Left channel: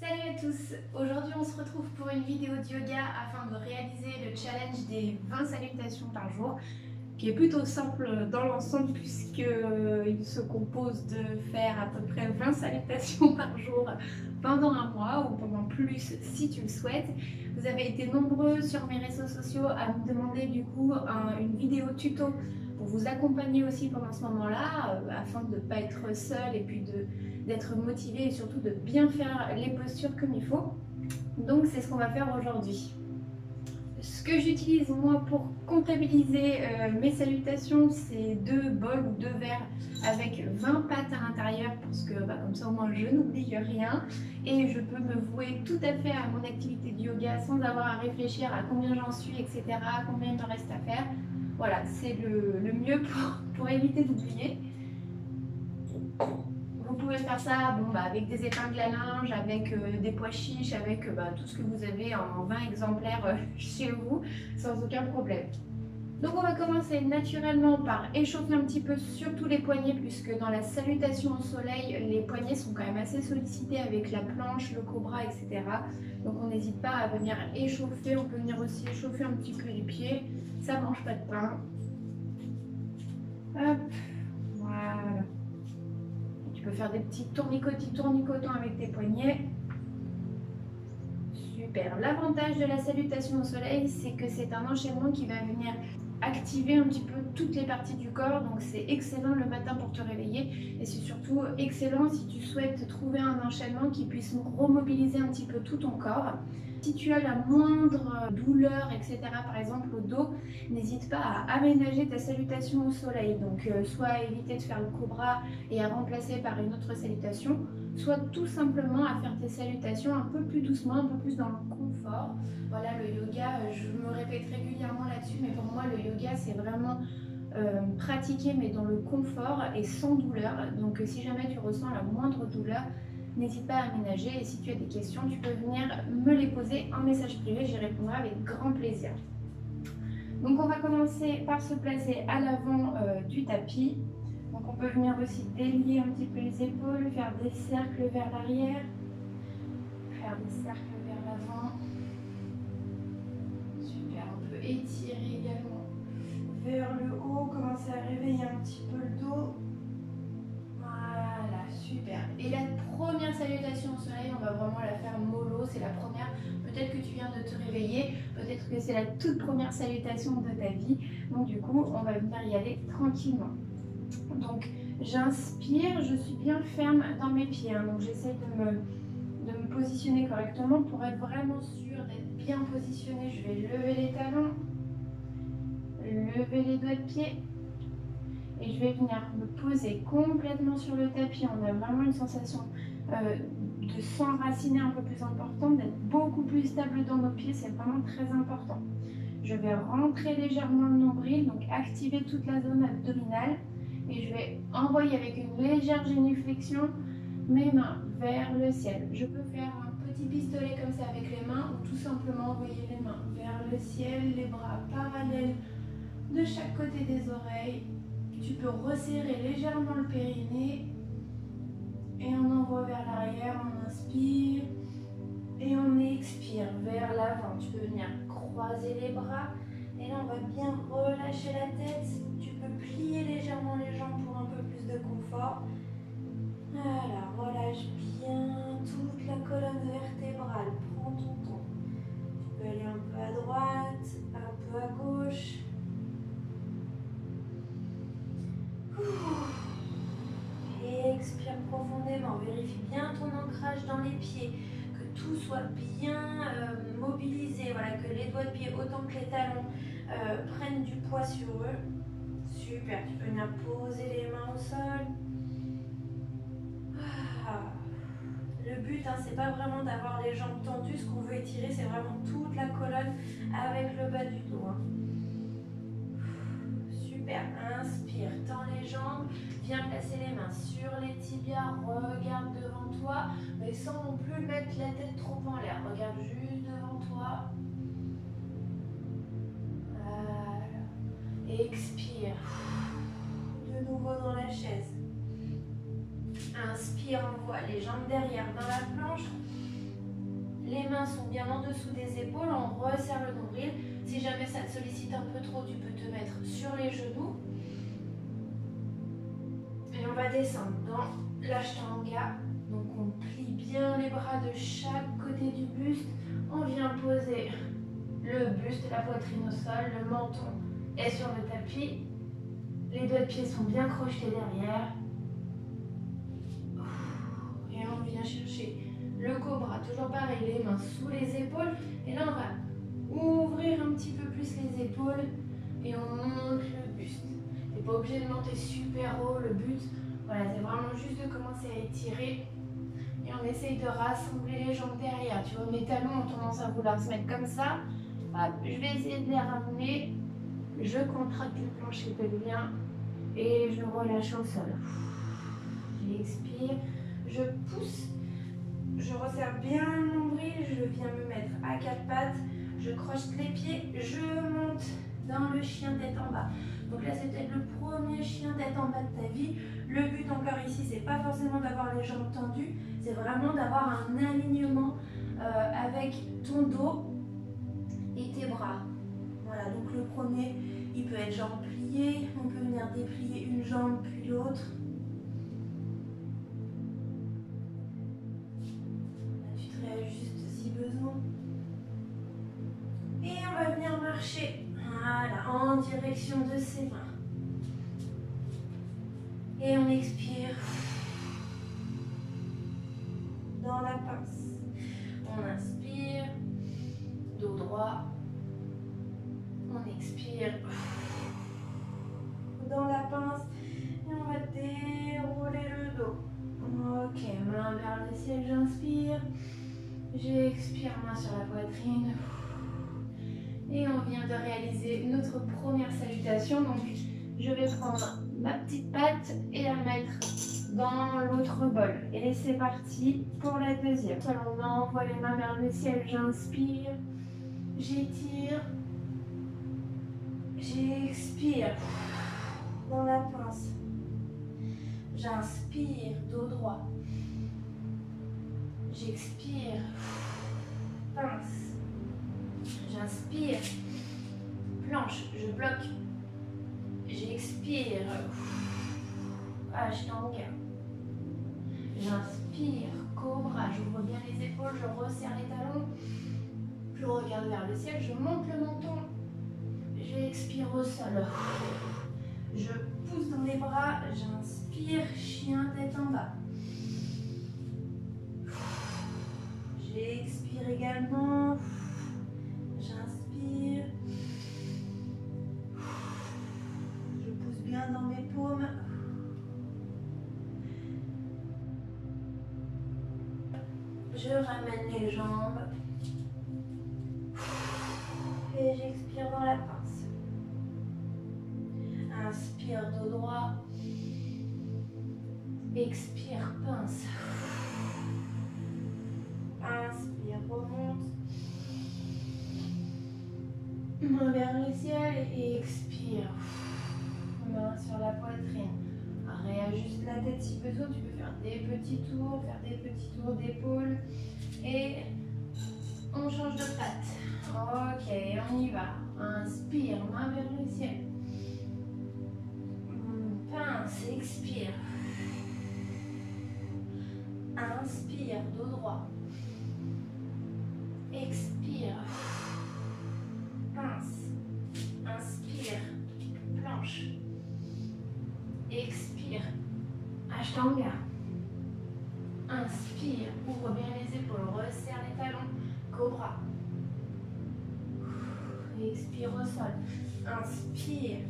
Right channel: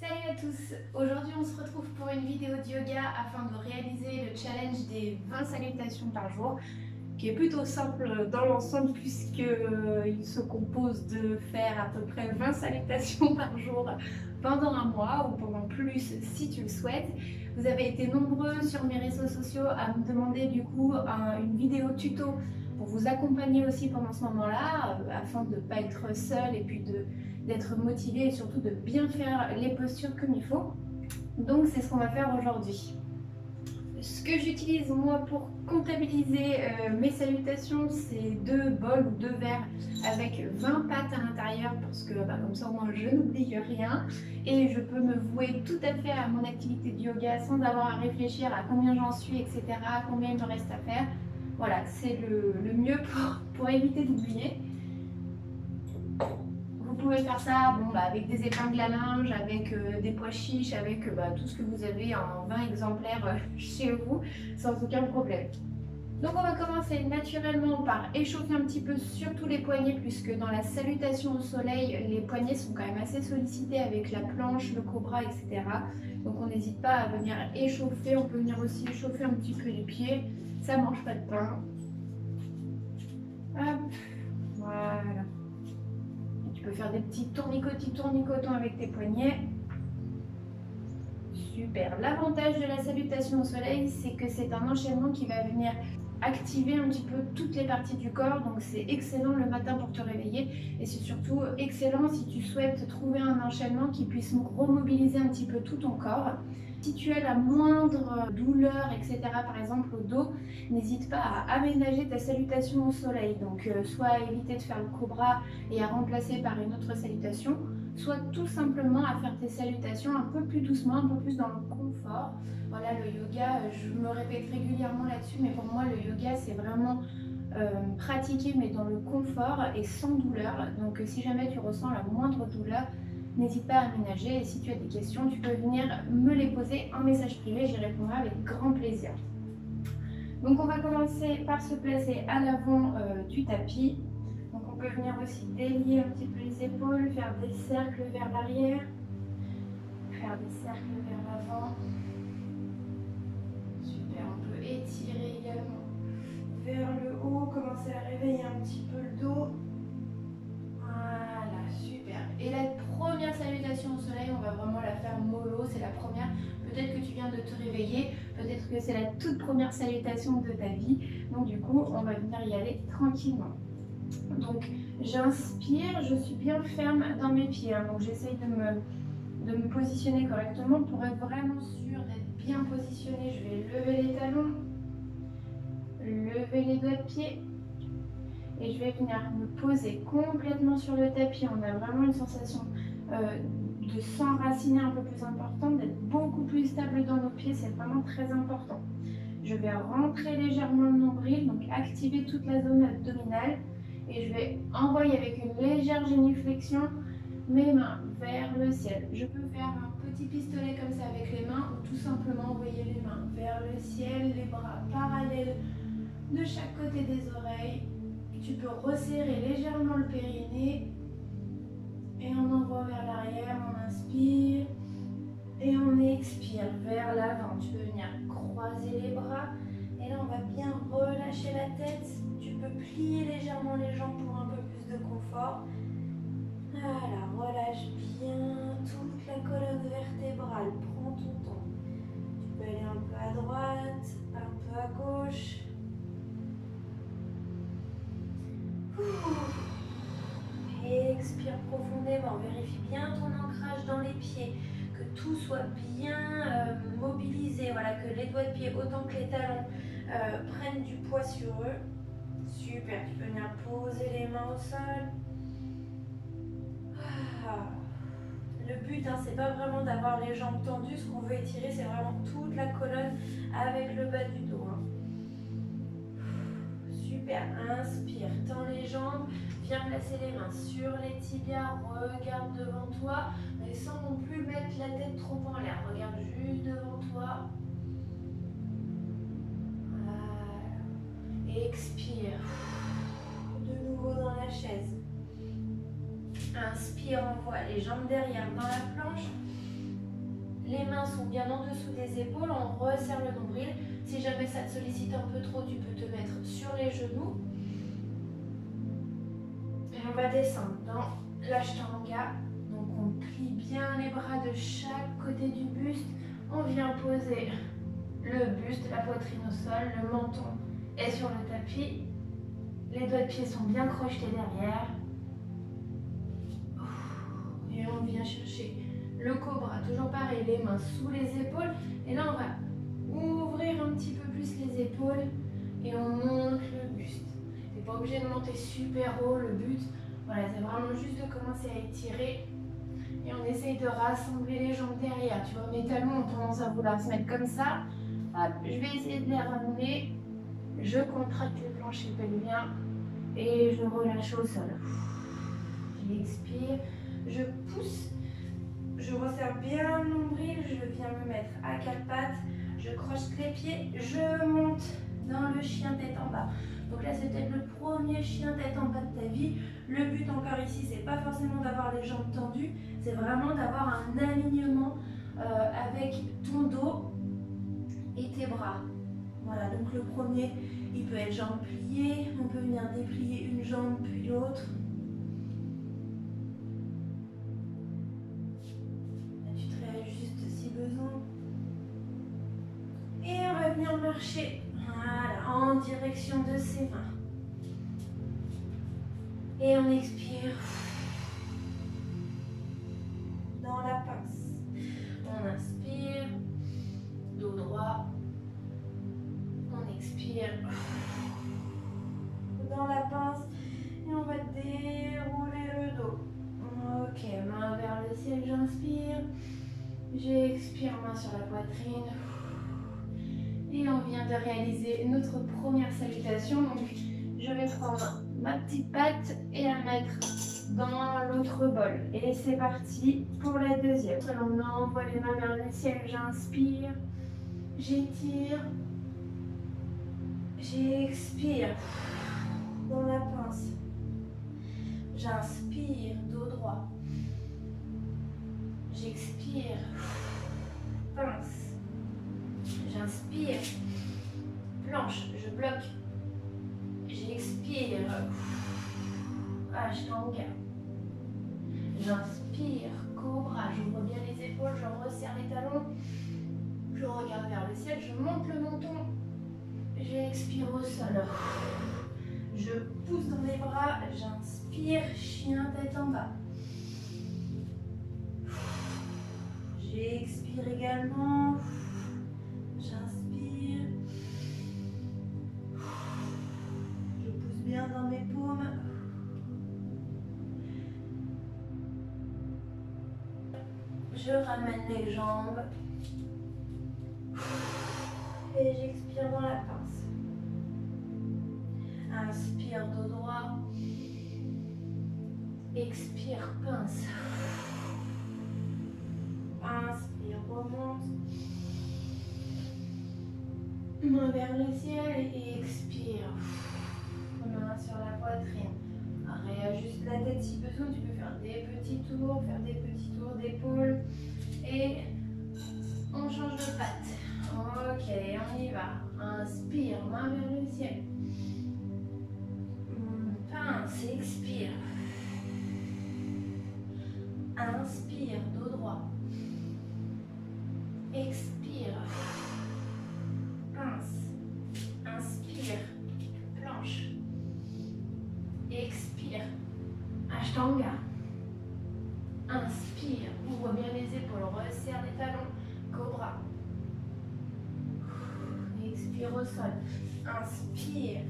Salut à tous! Aujourd'hui on se retrouve pour une vidéo de yoga afin de réaliser le challenge des 20 salutations par jour qui est plutôt simple dans l'ensemble puisqu'il se compose de faire à peu près 20 salutations par jour pendant un mois ou pendant plus si tu le souhaites. Vous avez été nombreux sur mes réseaux sociaux à me demander du coup une vidéo tuto pour vous accompagner aussi pendant ce moment-là afin de ne pas être seul et puis d'être motivé et surtout de bien faire les postures comme il faut. Donc c'est ce qu'on va faire aujourd'hui. Ce que j'utilise moi pour comptabiliser mes salutations, c'est 2 bols ou 2 verres avec 20 pattes à l'intérieur parce que comme ça au moins je n'oublie rien et je peux me vouer tout à fait à mon activité de yoga sans avoir à réfléchir à combien j'en suis, etc., combien il me reste à faire. Voilà, c'est le mieux pour éviter d'oublier. Vous pouvez faire ça avec des épingles à linge, avec des pois chiches, avec tout ce que vous avez en 20 exemplaires chez vous, sans aucun problème. Donc on va commencer naturellement par échauffer un petit peu surtout les poignets, puisque dans la salutation au soleil, les poignets sont quand même assez sollicités avec la planche, le cobra, etc. Donc on n'hésite pas à venir échauffer, on peut venir aussi échauffer un petit peu les pieds, ça ne mange pas de pain. Hop, voilà. Tu peux faire des petits tournicotants avec tes poignets. Super. L'avantage de la salutation au soleil, c'est que c'est un enchaînement qui va venir activer un petit peu toutes les parties du corps. Donc c'est excellent le matin pour te réveiller. Et c'est surtout excellent si tu souhaites trouver un enchaînement qui puisse remobiliser un petit peu tout ton corps. Si tu as la moindre douleur, etc., par exemple au dos, n'hésite pas à aménager ta salutation au soleil. Donc soit à éviter de faire le cobra et à remplacer par une autre salutation, soit tout simplement à faire tes salutations un peu plus doucement, un peu plus dans le confort. Voilà, le yoga, je me répète régulièrement là-dessus, mais pour moi le yoga c'est vraiment pratiquer mais dans le confort et sans douleur. Donc si jamais tu ressens la moindre douleur, n'hésite pas à aménager, et si tu as des questions, tu peux venir me les poser en message privé, j'y répondrai avec grand plaisir. Donc on va commencer par se placer à l'avant du tapis. Donc on peut venir aussi délier un petit peu les épaules, faire des cercles vers l'arrière, faire des cercles vers l'avant. Super, on peut étirer également vers le haut, commencer à réveiller un petit peu le dos. Voilà, super. Et la première salutation au soleil, on va vraiment la faire mollo, c'est la première. Peut-être que tu viens de te réveiller, peut-être que c'est la toute première salutation de ta vie. Donc du coup, on va venir y aller tranquillement. Donc j'inspire, je suis bien ferme dans mes pieds, donc j'essaye de me positionner correctement pour être vraiment sûre d'être bien positionnée. Je vais lever les talons, lever les doigts de pied et je vais venir me poser complètement sur le tapis. On a vraiment une sensation de s'enraciner un peu plus importante, d'être beaucoup plus stable dans nos pieds, c'est vraiment très important. Je vais rentrer légèrement le nombril, donc activer toute la zone abdominale. Et je vais envoyer avec une légère génuflexion mes mains vers le ciel. Je peux faire un petit pistolet comme ça avec les mains ou tout simplement envoyer les mains vers le ciel, les bras parallèles de chaque côté des oreilles. Tu peux resserrer légèrement le périnée et on envoie vers l'arrière, on inspire et on expire vers l'avant. Tu peux venir croiser les bras et là on va bien relâcher la tête. Tu peux plier légèrement les jambes pour un peu plus de confort. Voilà, relâche bien toute la colonne vertébrale. Prends ton temps. Tu peux aller un peu à droite, un peu à gauche. Et expire profondément. Vérifie bien ton ancrage dans les pieds. Que tout soit bien mobilisé. Voilà, que les doigts de pied autant que les talons prennent du poids sur eux. Super, tu peux venir poser les mains au sol. Le but, c'est pas vraiment d'avoir les jambes tendues. Ce qu'on veut étirer, c'est vraiment toute la colonne avec le bas du dos. Super, inspire, tends les jambes, viens placer les mains sur les tibias, regarde devant toi, mais sans non plus mettre la tête trop en l'air. Regarde juste devant toi. Voilà. Expire. De nouveau dans la chaise. Inspire, envoie les jambes derrière dans la planche. Les mains sont bien en dessous des épaules, on resserre le nombril. Si jamais ça te sollicite un peu trop, tu peux te mettre sur les genoux. Et on va descendre dans l'ashtanga. Donc on plie bien les bras de chaque côté du buste. On vient poser le buste, la poitrine au sol, le menton est sur le tapis. Les doigts de pied sont bien crochetés derrière. Et on vient chercher le cobra, toujours pareil, les mains sous les épaules. Et là, on va ouvrir un petit peu plus les épaules et on monte le buste. Tu n'es pas obligé de monter super haut, le but, voilà, c'est vraiment juste de commencer à étirer. Et on essaye de rassembler les jambes derrière. Tu vois, mes talons ont tendance à vouloir se mettre comme ça. Hop, je vais essayer de les ramener. Je contracte le plancher pelvien et je relâche au sol. J'expire, je pousse, je resserre bien le nombril, je viens me mettre à quatre pattes, je croche les pieds, je monte dans le chien tête en bas. Donc là, c'est peut-être le premier chien tête en bas de ta vie. Le but encore ici, c'est pas forcément d'avoir les jambes tendues, c'est vraiment d'avoir un alignement avec ton dos et tes bras. Voilà, donc le premier, il peut être jambes pliées, on peut venir déplier une jambe puis l'autre. Là, tu te réajustes si besoin. Et on va venir marcher, voilà, en direction de ses mains. Et on expire dans la pince. On inspire, dos droit. On expire dans la pince et on va dérouler le dos. Ok, main vers le ciel, j'inspire. J'expire, main sur la poitrine. Et on vient de réaliser notre première salutation. Donc, je vais prendre ma petite patte et la mettre dans l'autre bol. Et c'est parti pour la deuxième. On envoie les mains vers le ciel, j'inspire. J'étire. J'expire dans la pince. J'inspire, dos droit. J'expire, pince. J'inspire, planche, je bloque. J'expire, ashtanga. J'inspire, cobra. J'ouvre bien les épaules, je resserre les talons. Je regarde vers le ciel, je monte le menton. J'expire au sol. Je pousse dans les bras. J'inspire, chien tête en bas. J'expire également. J'inspire. Je pousse bien dans mes paumes. Je ramène les jambes. Et j'expire dans la pince. Inspire, dos droit. Expire, pince. Inspire, remonte. Main vers le ciel et expire. Main sur la poitrine. Réajuste la tête si besoin. Tu peux faire des petits tours d'épaule. Et on change de patte. Ok, on y va. Inspire, main vers le ciel. Pince, expire. Inspire, dos droit. Expire. Pince. Inspire, planche. Expire. Ashtanga. Inspire, ouvre bien les épaules, resserre les talons. Cobra. Expire au sol. Inspire.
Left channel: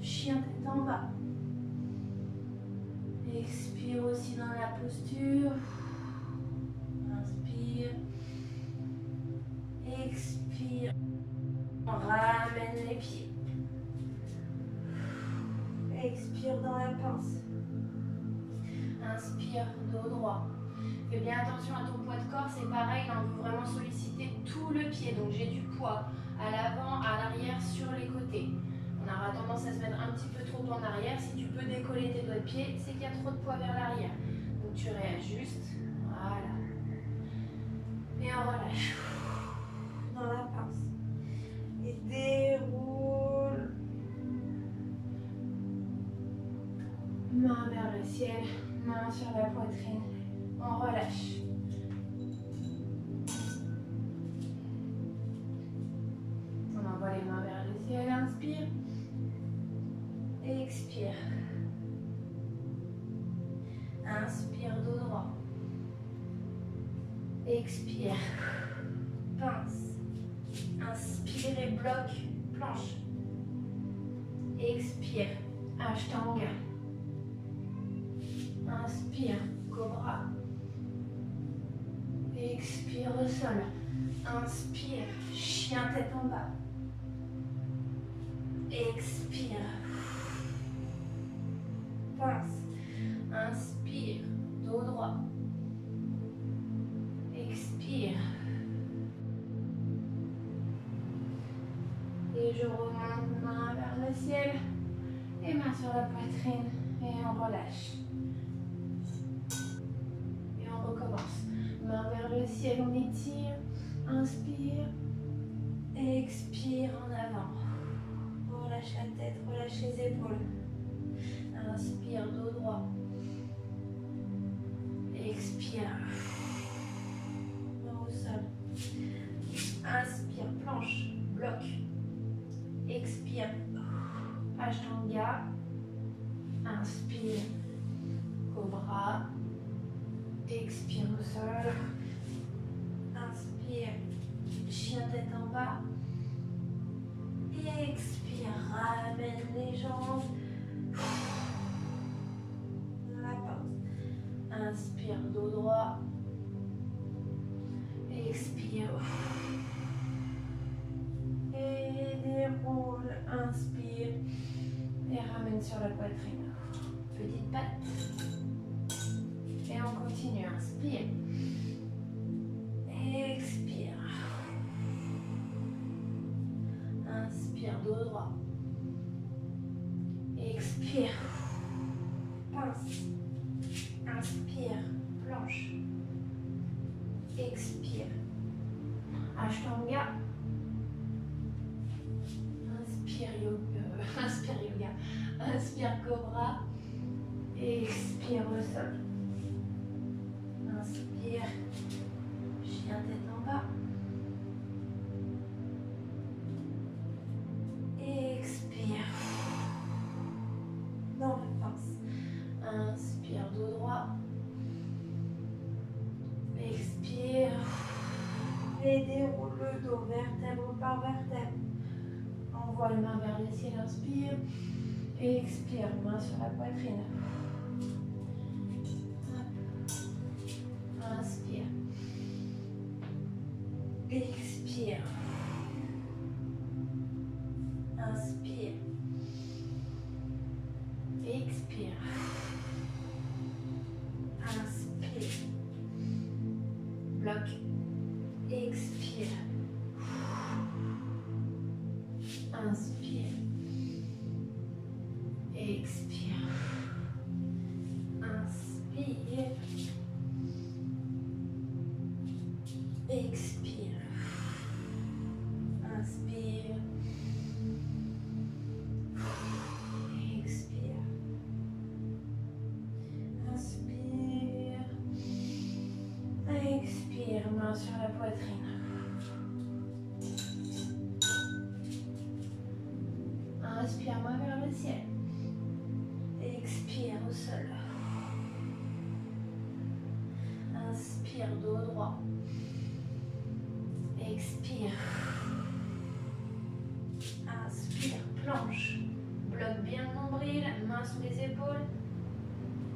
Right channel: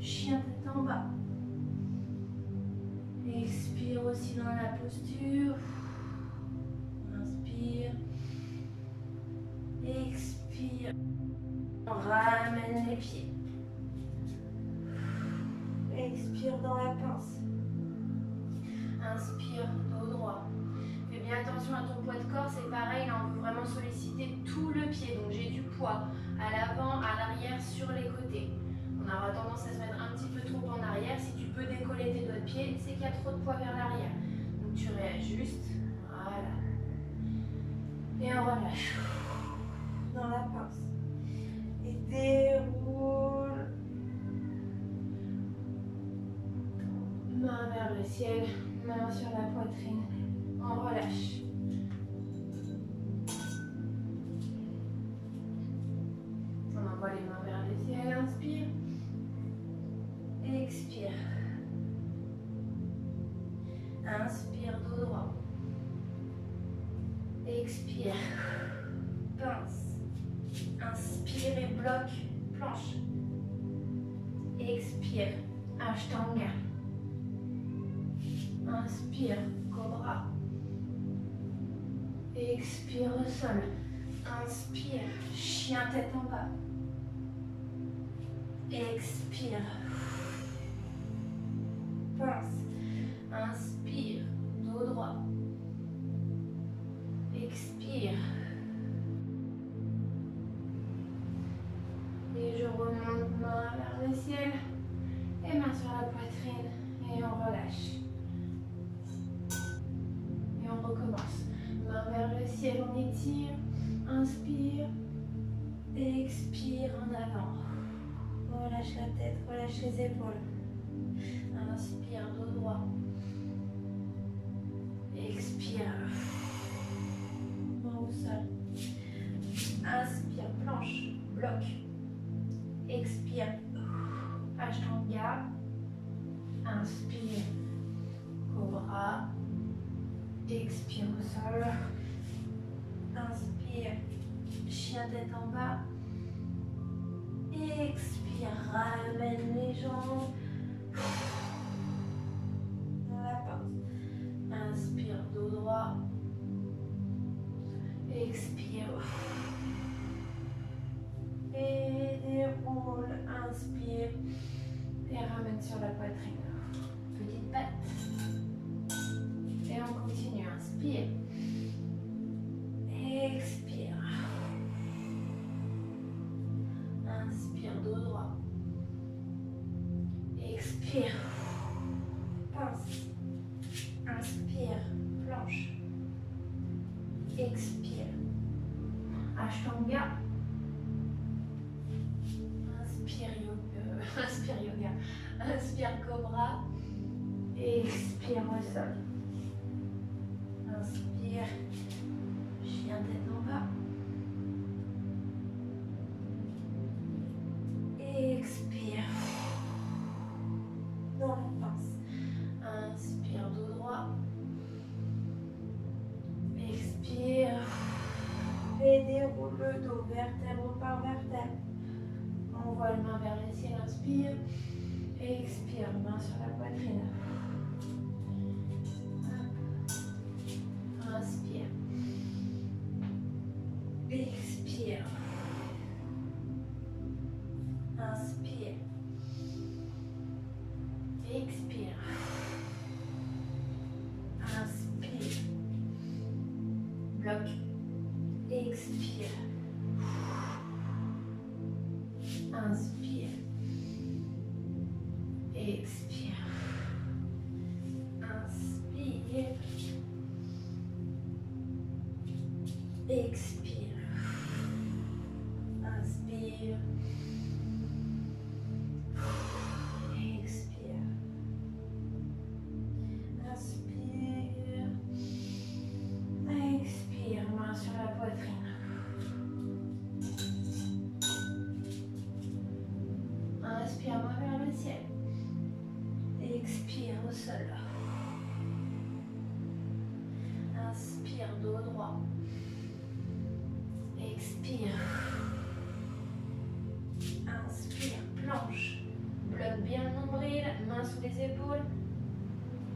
Chien tête en bas. Expire aussi dans la posture. Inspire. Expire. On ramène les pieds. Expire dans la pince. Inspire, dos droit. Fais bien attention à ton poids de corps, c'est pareil, là on veut vraiment solliciter tout le pied. Donc j'ai du poids à l'avant, à l'arrière, sur les côtés. On aura tendance à se mettre un petit peu trop en arrière. Si tu peux décoller tes doigts de pied, c'est qu'il y a trop de poids vers l'arrière. Donc tu réajustes. Voilà. Et on relâche. Dans la pince. Et déroule. Main vers le ciel, main sur la poitrine. On relâche. On envoie les mains vers le ciel. Inspire. Expire. Inspire, dos droit. Expire. Pince. Inspire et bloc. Planche. Expire. Ashtanga. Inspire. Cobra. Expire au sol. Inspire. Chien tête en bas. Expire. Pince. Inspire. Dos droit. Expire. Et je remonte main vers le ciel. Et main sur la poitrine. Et on relâche. Et on recommence. Main vers le ciel, on étire. Inspire. Expire en avant. Relâche la tête, relâche les épaules. Inspire, dos droit. Expire. Main au sol. Inspire, planche, bloc. Expire. Ashtanga. Inspire. Cobra. Expire au sol. Inspire. Chien tête en bas. Expire. Ramène les jambes. Dans la pause. Inspire, dos droit. Expire. Et déroule. Inspire. Et ramène sur la poitrine. Petite patte. Et on continue. Inspire. Expire. Inspire, dos droit. Expire. Pince. Inspire. Planche. Expire. Ashtanga. Inspire yoga. Inspire yoga. Inspire cobra. Expire au sol. Inspire. Chien tête en bas. Expire. Dans la pince. Inspire, dos droit. Expire. Et déroule le dos, vertèbre par vertèbre. Envoie les mains vers le ciel, inspire. Expire, main sur la poitrine. Inspire. Expire. Inspire. Expire. Inspire. Bloc. Expire. Inspire. Expire. Inspire. Expire. Inspire. Expire. Inspire. Expire. Main sur la poitrine. Inspire, main vers le ciel. Expire au sol. Inspire, dos droit. Expire. Inspire, planche. Bloque bien le nombril, main sous les épaules.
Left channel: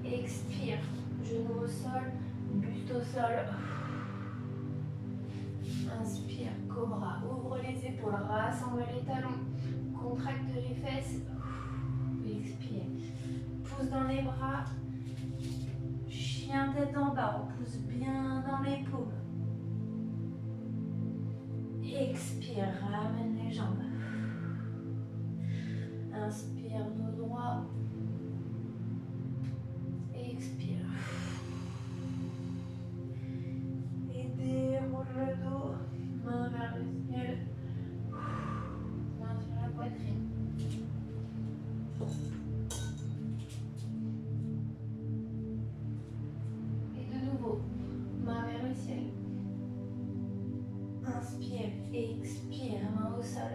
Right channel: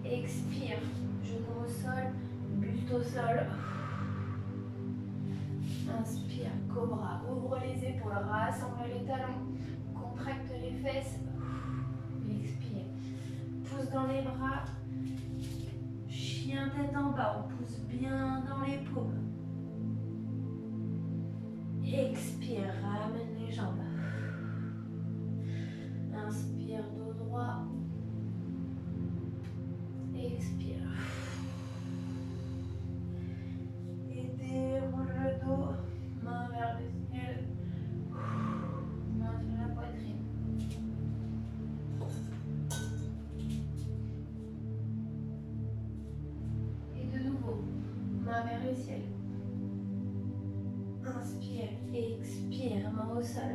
Expire, genou au sol, buste au sol. Inspire, cobra. Ouvre les épaules, rassemble les talons. Contracte les fesses. Expire. Pousse dans les bras. Chien tête en bas. On pousse bien dans les paumes. Expire. Ramène les jambes. Inspire, dos droit. Expire. Et déroule main vers le ciel. Inspire, expire, main au sol.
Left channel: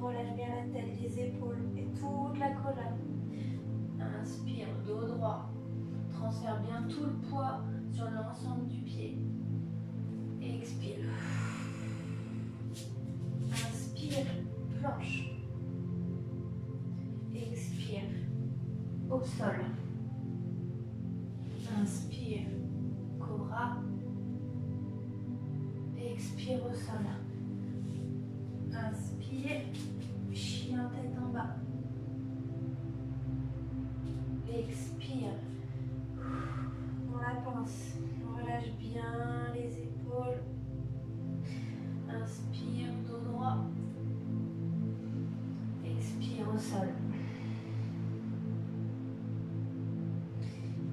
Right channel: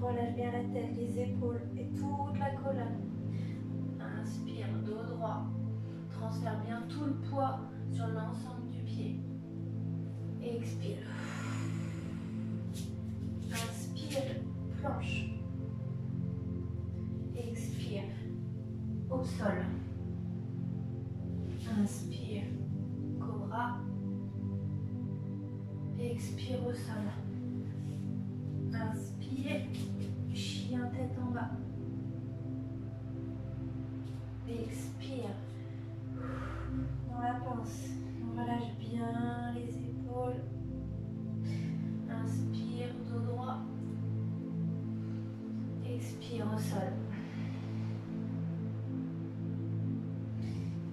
Relâche bien la tête, les épaules et toute la colonne. Inspire, dos droit. Transfère bien tout le poids sur l'ensemble du pied. Expire. Inspire, planche. Expire, au sol. Inspire, cobra. Expire au sol. Inspire, chien tête en bas. Expire. Dans la pince, on relâche bien les épaules. Inspire, dos droit. Expire au sol.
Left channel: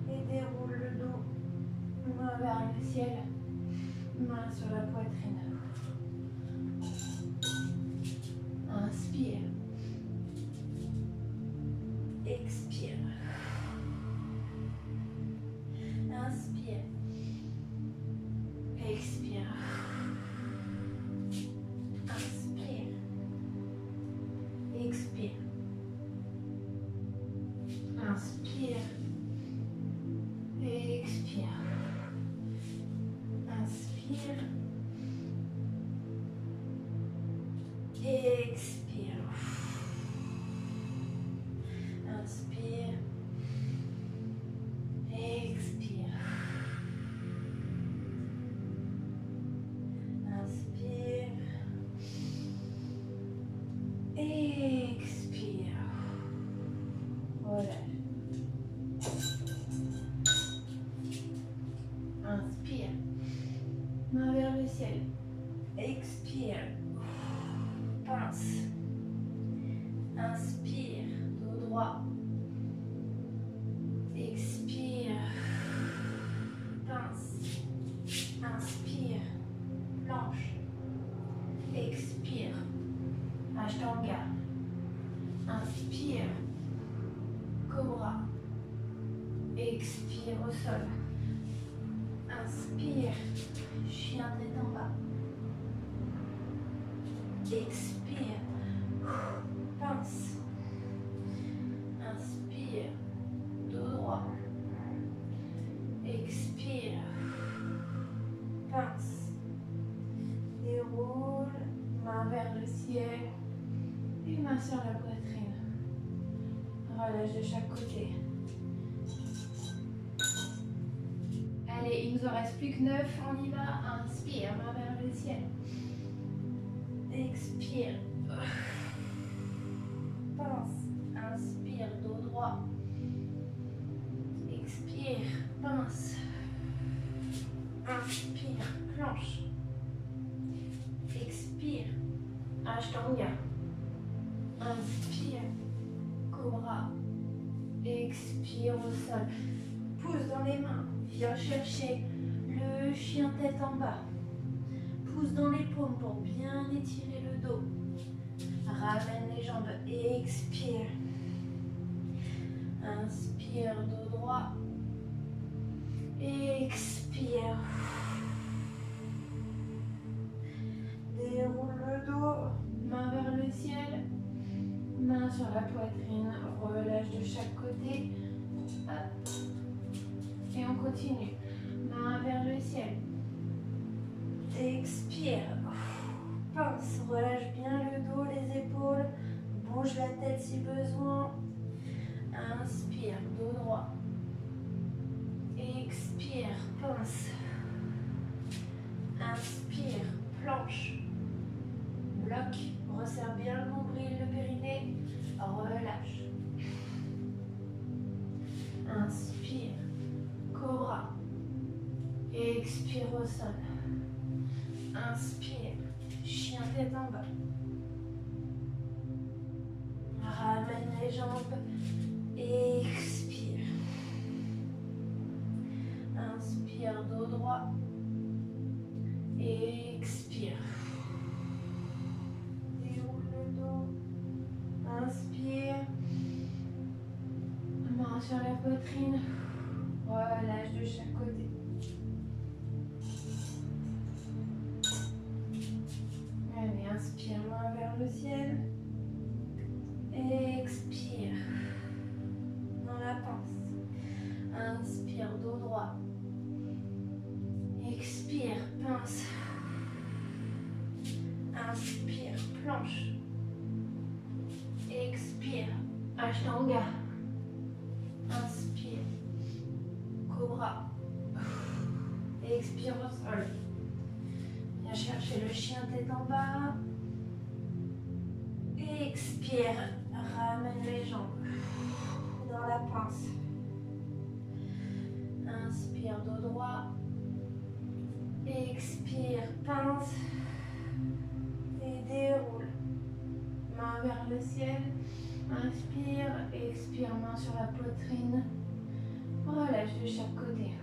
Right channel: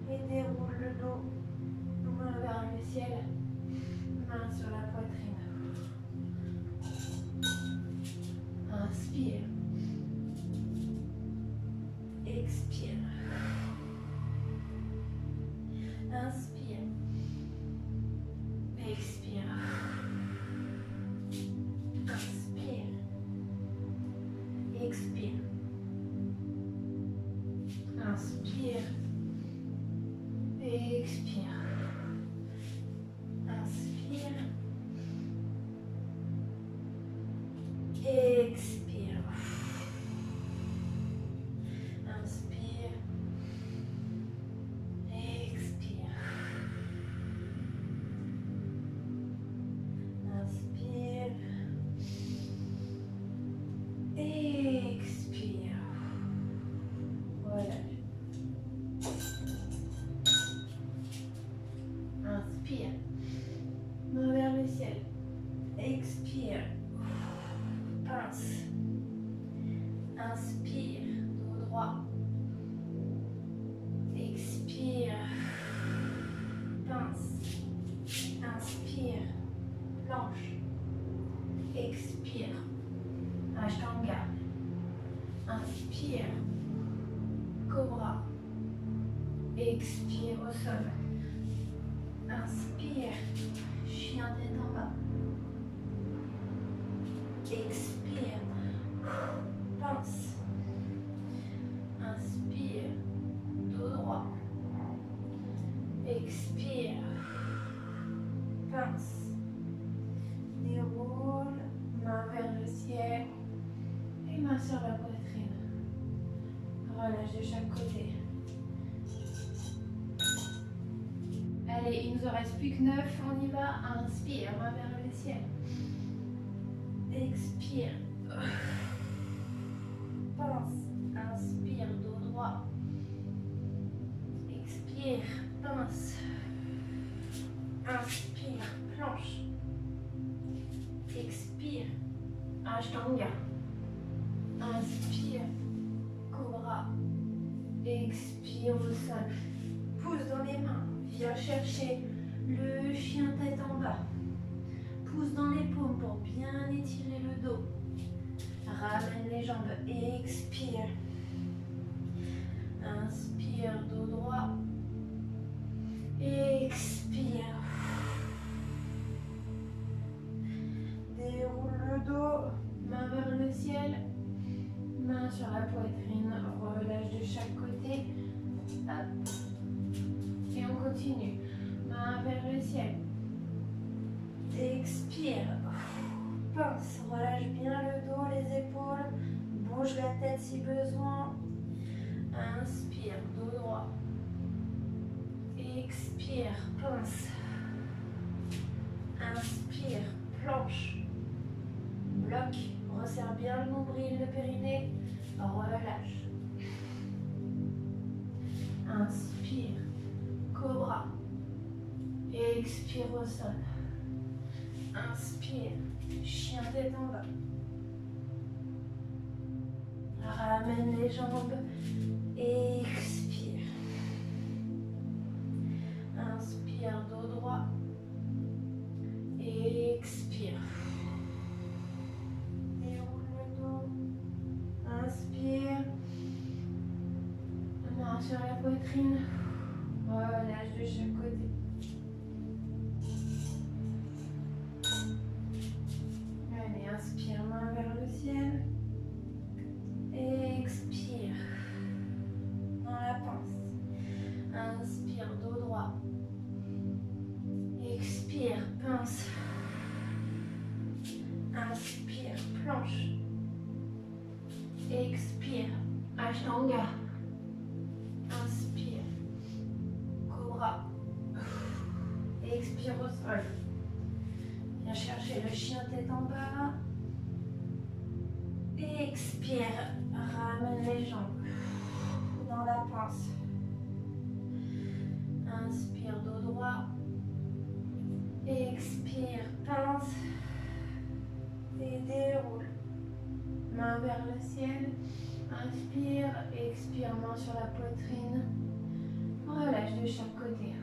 Et déroule le dos, main vers le ciel, main sur la poitrine. Inspire. Expire. Inspire. Expire. Inspire. Expire. Inspire. Expire. Inspire. Expire. Inspire. Expire. Inspire. Expire. Relâche. Inspire. Main vers le ciel. Expire. Pince. Inspire. Dos droit. Expire. Pince. Inspire. Planche. Expire. Ashtanga. Inspire. Cobra. Expire au sol. Inspire. Chien tête en bas. Expire. Pince. Inspire. Dos droit. Expire. Pince. Déroule. Main vers le ciel. Et main sur la poitrine. Relâche de chaque côté. Allez, il nous en reste plus que 9. On y va. Inspire. Main vers le ciel. Expire. Pince. Inspire, dos droit. Expire, pince. Inspire, planche. Expire, Ashtanga. Inspire, cobra. Expire au sol. Pousse dans les mains. Viens chercher le chien tête en bas. Pousse dans les paumes pour bien étirer le dos. Ramène les jambes. Expire. Inspire, dos droit. Expire. Déroule le dos. Main vers le ciel. Main sur la poitrine. Relâche de chaque côté. Hop. Et on continue. Main vers le ciel. Expire. Pince. Relâche bien le dos, les épaules. Bouge la tête si besoin. Inspire, dos droit. Expire, pince. Inspire, planche. Bloc. Resserre bien le nombril, le périnée. Relâche. Inspire, cobra. Expire au sol. Inspire, chien tête en bas. Ramène les jambes. Expire. Inspire, dos droit. Expire. Déroule le dos. Inspire. Main sur la poitrine. Relâche de chaque côté. Inspire, dos droit. Expire, pince. Inspire, planche. Expire, Ashtanga. Inspire, Cobra. Expire au sol. Viens chercher le chien tête en bas. Expire, ramène les jambes dans la pince. Inspire, dos droit. Expire, pince. Et déroule. Main vers le ciel. Inspire, expire, main sur la poitrine. Relâche de chaque côté.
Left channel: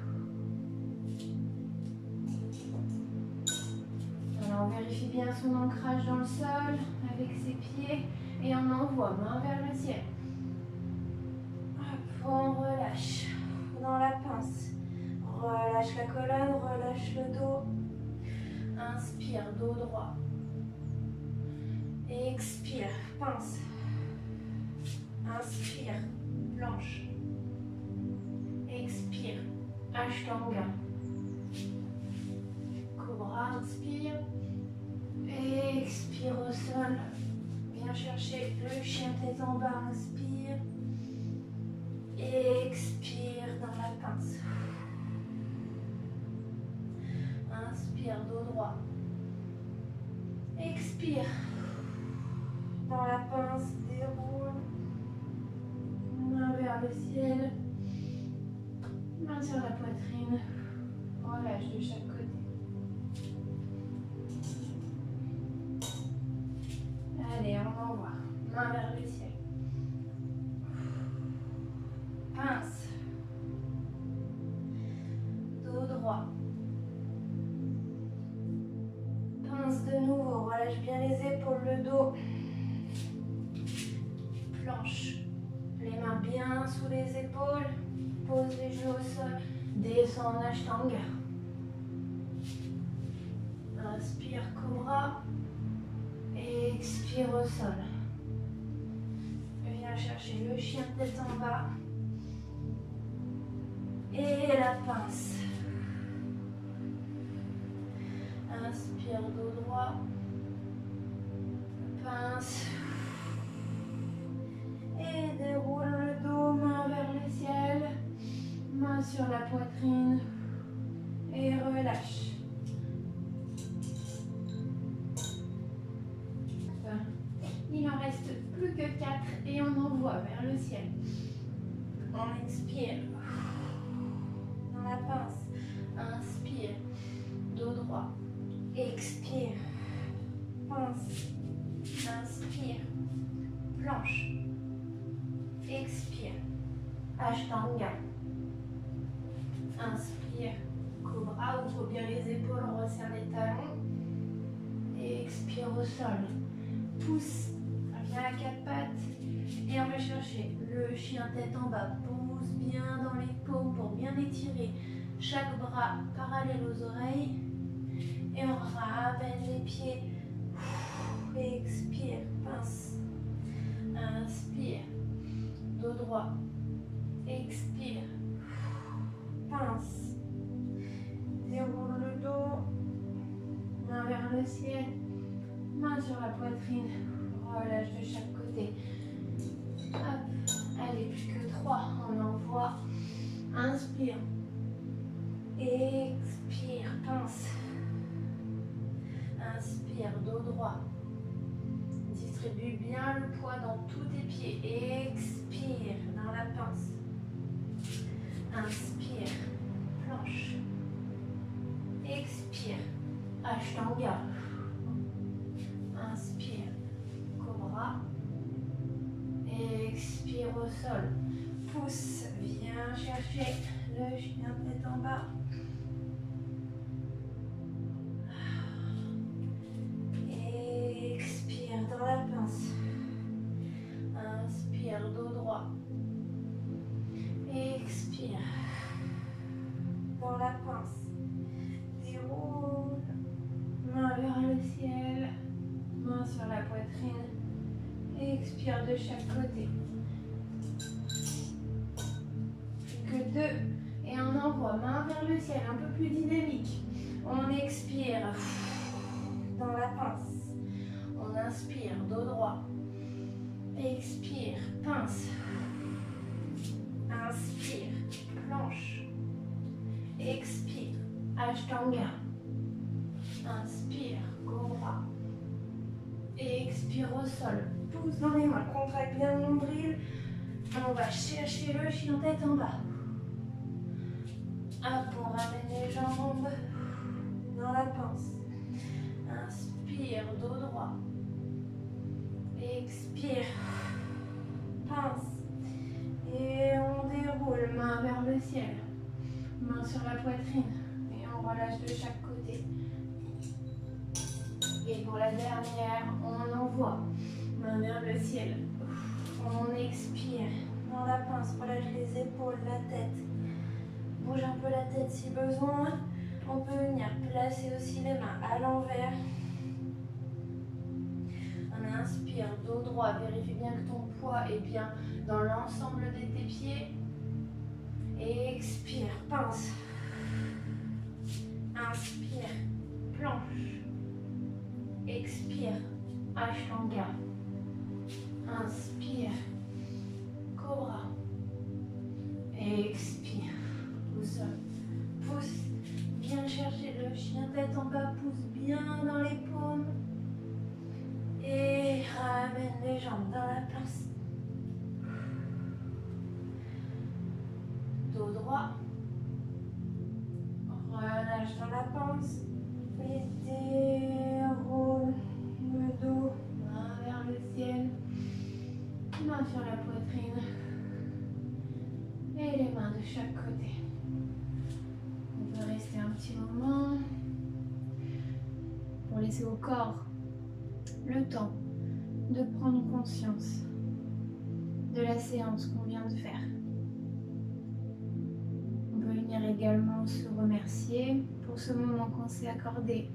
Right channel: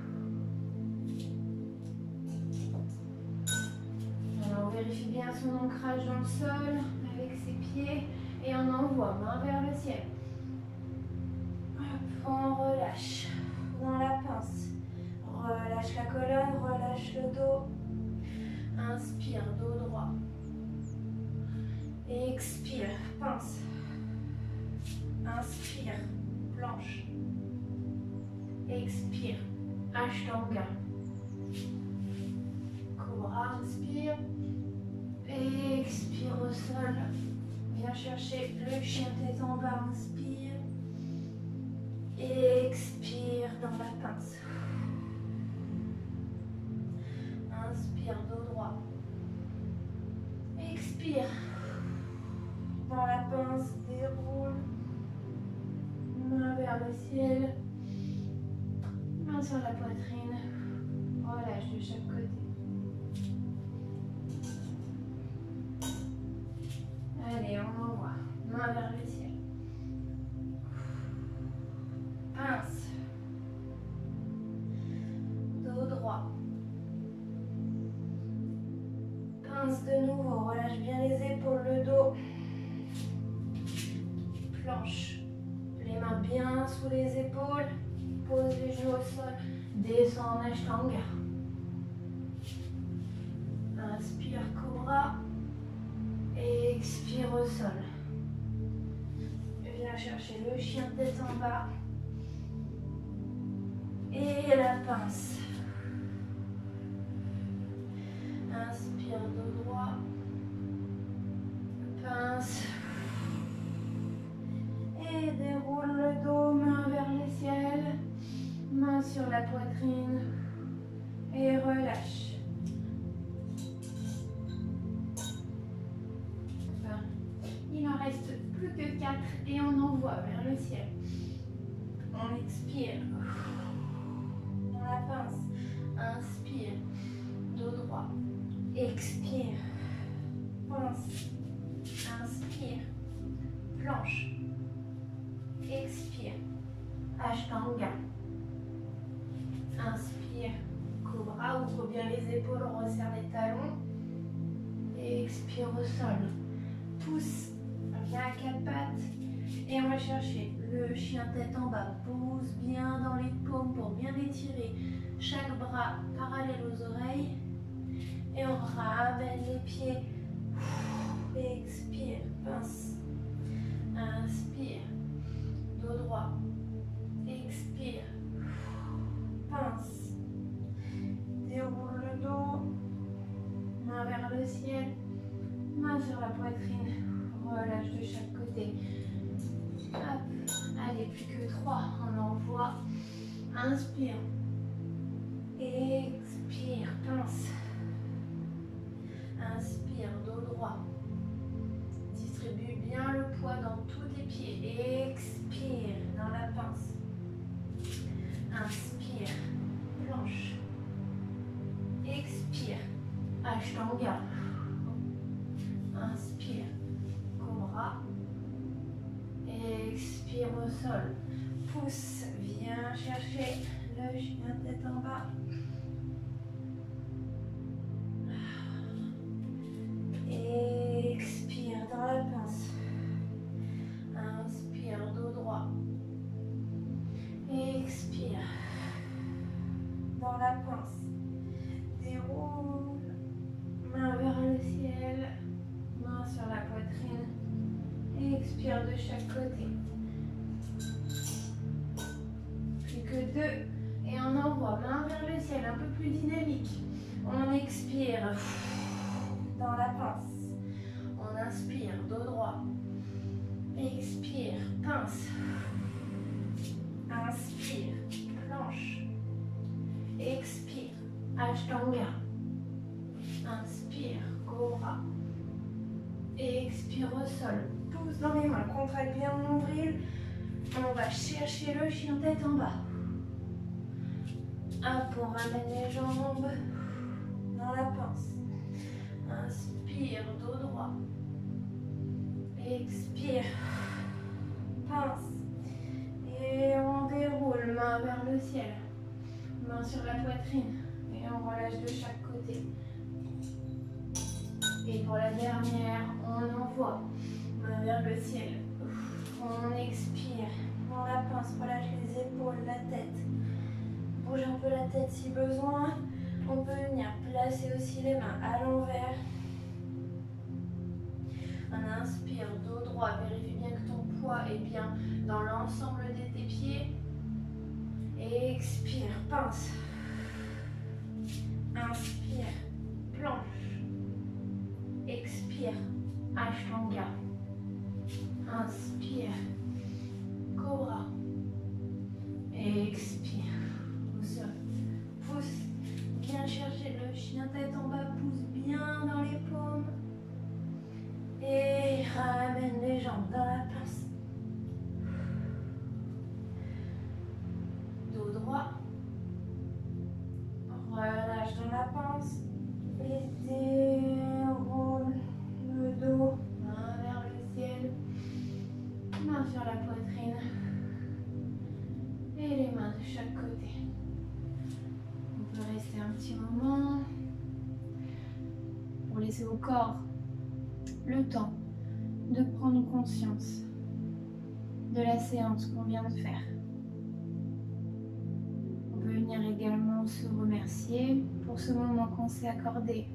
Alors on vérifie bien son ancrage dans le sol avec ses pieds et on envoie main vers le ciel. Hop, on relâche dans la pince. Relâche la colonne, relâche le dos. Inspire, dos droit. Expire, pince. Inspire, planche. Expire, Ashtanga. Cobra, inspire. Expire au sol. Viens chercher le chien tête en bas, inspire. Expire dans la pince. Inspire, dos droit. Expire. Dans la pince, déroule. Main vers le ciel. Main sur la poitrine. Relâche de chaque côté. Allez, on envoie. Main vers le ciel. Pince. Dos droit. Pince de nouveau. Relâche bien les épaules, le dos. Planche. Les mains bien sous les épaules. Pose les genoux au sol. Descends en Ashtanga. Inspire, Cobra. Expire au sol. Viens chercher le chien tête en bas. Et la pince. Inspire, dos droit. Pince. Et déroule le dos, main vers le ciel. Main sur la poitrine. Et relâche. Il en reste plus que 4 et on envoie vers le ciel. On expire. Dans la pince. Inspire. Dos droit. Expire. Pince. Inspire. Planche. Expire. Ashtanga. Inspire. Cobra. Ouvre bien les épaules. Resserre les talons. Et expire au sol. Pousse. Viens à 4 pattes. Et on va chercher le chien tête en bas. Pousse bien dans les paumes pour bien étirer chaque bras parallèle aux oreilles. Et on ramène les pieds. Expire. Pince. Inspire. Dos droit. Expire. Pince. Déroule le dos. Main vers le ciel. Main sur la poitrine. Relâche de chaque côté. Hop. Allez, plus que 3. On envoie. Inspire. Expire. Pince. Inspire. Dos droit. Distribue bien le poids dans tous tes pieds. Expire dans la pince. Inspire. Planche. Expire. Ashtanga. Inspire. Cobra. Expire au sol. Pousse. Viens chercher le chien tête en bas. Expire dans la pince. Inspire, dos droit. Expire. Dans la pince. Déroule. Main vers le ciel. Main sur la poitrine. Expire de chaque côté. Plus que 2. Et on on envoie, main vers le ciel, un peu plus dynamique. On expire dans la pince. On inspire, dos droit. Expire, pince. Inspire, planche. Expire, Ashtanga. Inspire, Cobra. Expire au sol. Pousse dans les mains, contracte bien le nombril. On va chercher le chien tête en bas. Hop, on ramène les jambes dans la pince. Inspire, dos droit. Expire, pince. Et on déroule, main vers le ciel. Main sur la poitrine. Et on relâche de chaque côté. Et pour la dernière, on envoie. Main vers le ciel. On expire. Dans la pince, relâche les épaules, la tête. Bouge un peu la tête si besoin. On peut venir placer aussi les mains à l'envers. On inspire, dos droit. Vérifie bien que ton poids est bien dans l'ensemble de tes pieds. Et expire, pince. Inspire, planche. Expire, Ashtanga. Inspire, Cobra. Expire, au sol. Pousse, viens chercher le chien tête en bas, pousse bien dans les paumes. Et ramène les jambes dans la pince. Dos droit. Relâche dans la pince. Et déroule le dos. Main vers le ciel. Main sur la poitrine. Et les mains de chaque côté. On peut rester un petit moment pour laisser au corps le temps de prendre conscience de la séance qu'on vient de faire. On peut venir également se remercier pour ce moment qu'on s'est accordé.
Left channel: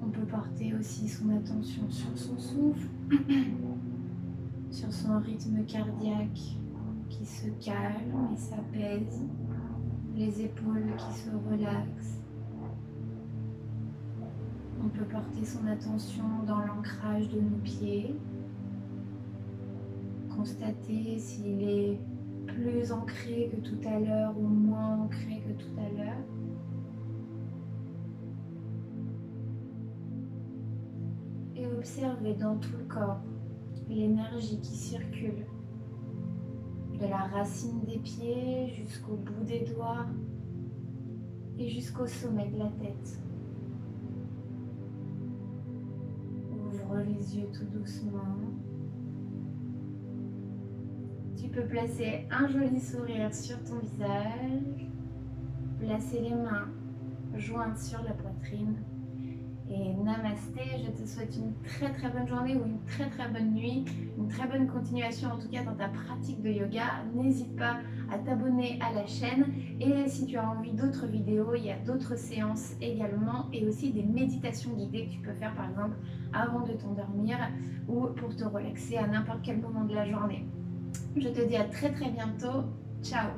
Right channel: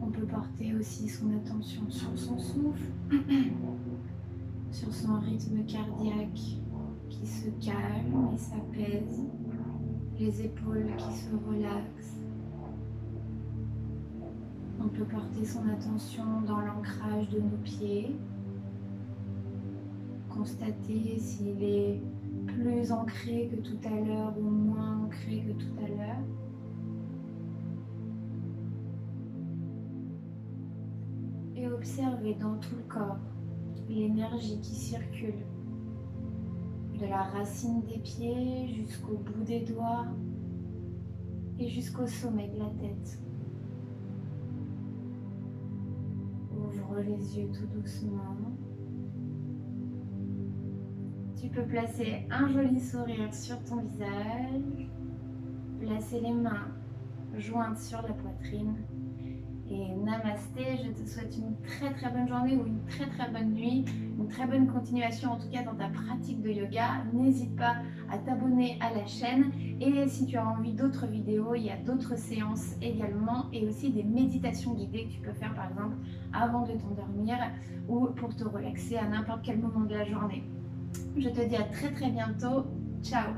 On peut porter aussi son attention sur son souffle, sur son rythme cardiaque qui se calme et s'apaise, les épaules qui se relaxent. On peut porter son attention dans l'ancrage de nos pieds, constater s'il est plus ancré que tout à l'heure ou moins ancré que tout à l'heure. Et observer dans tout le corps l'énergie qui circule de la racine des pieds jusqu'au bout des doigts et jusqu'au sommet de la tête. Ouvre les yeux tout doucement. Tu peux placer un joli sourire sur ton visage, placer les mains jointes sur la poitrine. Et namasté, je te souhaite une très bonne journée ou une très bonne nuit, une très bonne continuation en tout cas dans ta pratique de yoga. N'hésite pas à t'abonner à la chaîne et si tu as envie d'autres vidéos, il y a d'autres séances également et aussi des méditations guidées que tu peux faire par exemple avant de t'endormir ou pour te relaxer à n'importe quel moment de la journée. Je te dis à très bientôt. Ciao!